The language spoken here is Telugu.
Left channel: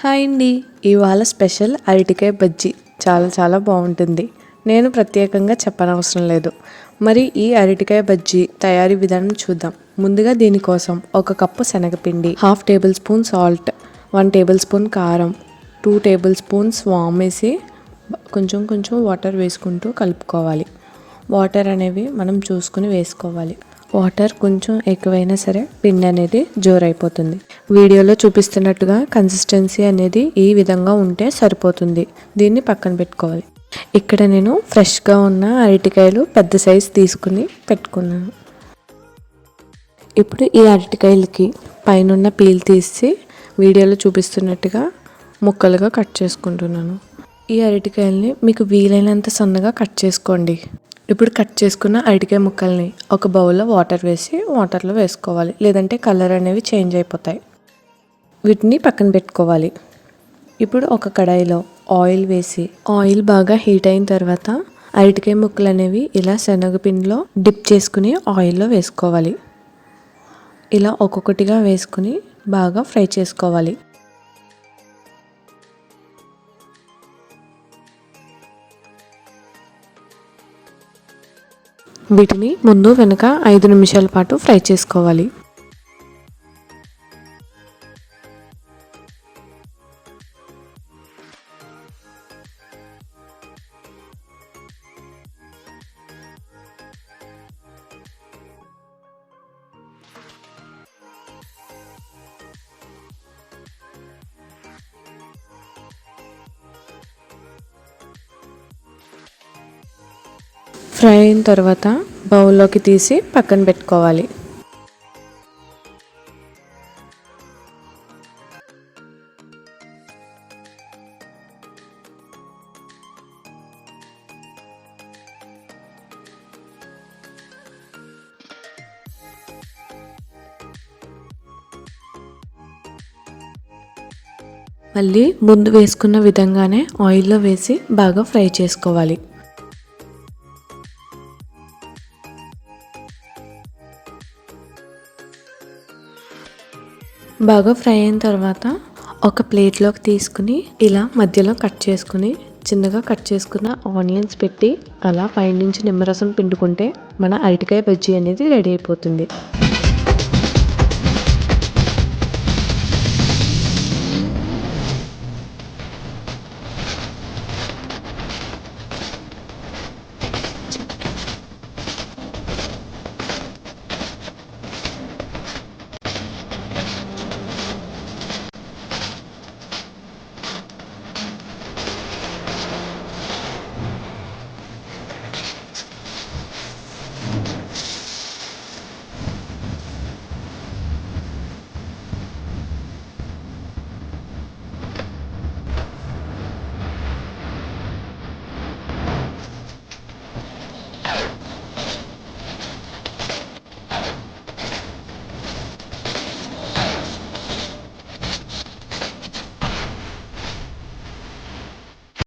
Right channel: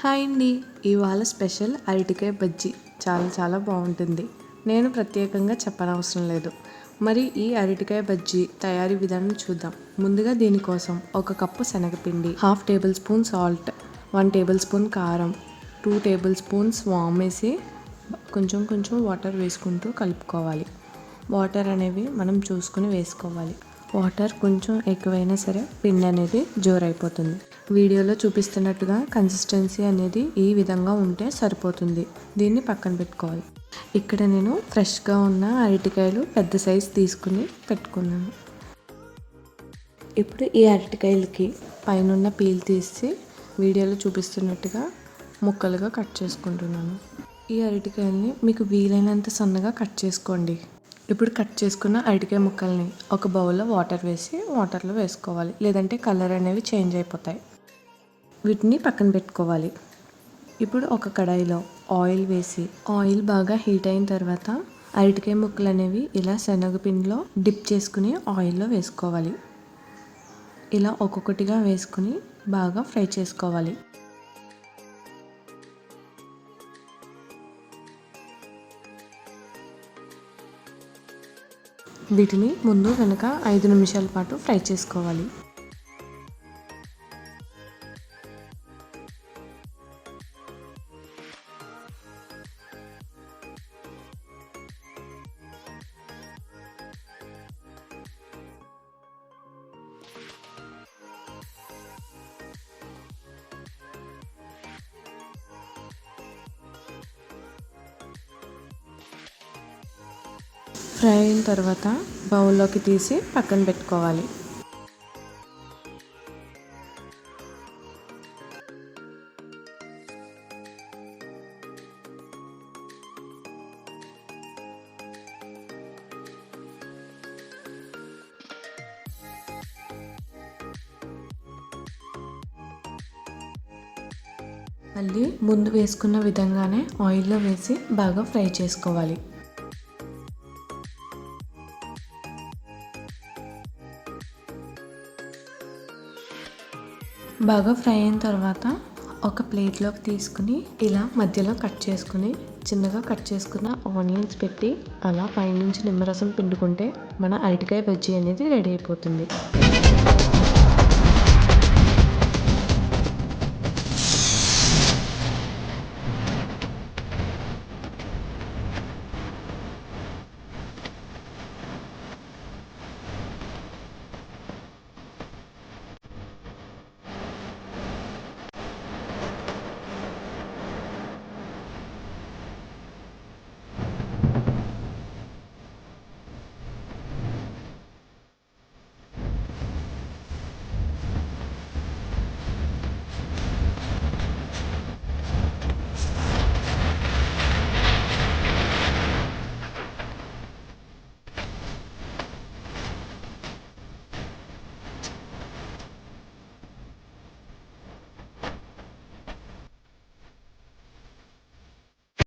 హాయ్ అండి. ఇవాళ స్పెషల్ అరటికాయ బజ్జీ చాలా బాగుంటుంది. నేను ప్రత్యేకంగా చెప్పనవసరం లేదు. మరి ఈ అరటికాయ బజ్జీ తయారీ విధానం చూద్దాం. ముందుగా దీనికోసం 1 కప్పు శనగపిండి, 1/2 table spoon salt, 1 table spoon కారం, 2 టేబుల్ స్పూన్స్ వామ్ వేసి కొంచెం వాటర్ వేసుకుంటూ కలుపుకోవాలి. వాటర్ అనేవి మనం చూసుకుని వేసుకోవాలి. వాటర్ కొంచెం ఎక్కువైనా సరే పిండి అనేది జోరైపోతుంది. వీడియోలో చూపిస్తున్నట్టుగా కన్సిస్టెన్సీ అనేది ఈ విధంగా ఉంటే సరిపోతుంది. దీన్ని పక్కన పెట్టుకోవాలి. ఇక్కడ నేను ఫ్రెష్గా ఉన్న అరటికాయలు పెద్ద సైజు తీసుకుని పెట్టుకున్నాను. ఇప్పుడు ఈ అరటికాయలకి పైన పీల్ తీసి వీడియోలో చూపిస్తున్నట్టుగా ముక్కలుగా కట్ చేసుకుంటున్నాను. ఈ అరటికాయల్ని మీకు వీలైనంత సన్నగా కట్ చేసుకోండి. ఇప్పుడు కట్ చేసుకున్న అరటికాయ ముక్కల్ని ఒక బౌల్లో వాటర్ వేసి వాటర్లో వేసుకోవాలి, లేదంటే కలర్ అనేవి చేంజ్ అయిపోతాయి. వీటిని పక్కన పెట్టుకోవాలి. ఇప్పుడు ఒక కడాయిలో ఆయిల్ వేసి ఆయిల్ బాగా హీట్ అయిన తర్వాత అరటికాయ ముక్కలు అనేవి ఇలా శనగపిండిలో డిప్ చేసుకుని ఆయిల్లో వేసుకోవాలి. ఇలా ఒక్కొక్కటిగా వేసుకుని బాగా ఫ్రై చేసుకోవాలి. వీటిని ముందు వెనక 5 నిమిషాల పాటు ఫ్రై చేసుకోవాలి. ఫ్రై అయిన తర్వాత బౌల్లోకి తీసి పక్కన పెట్టుకోవాలి. మళ్ళీ ముందు వేసుకున్న విధంగానే ఆయిల్లో వేసి బాగా ఫ్రై చేసుకోవాలి. బాగా ఫ్రై అయిన తర్వాత ఒక ప్లేట్లోకి తీసుకుని ఇలా మధ్యలో కట్ చేసుకుని చిన్నగా కట్ చేసుకున్న ఆనియన్స్ పెట్టి అలా పైనుంచి నిమ్మరసం పిండుకుంటే మన అరటికాయ బజ్జీ అనేది రెడీ అయిపోతుంది.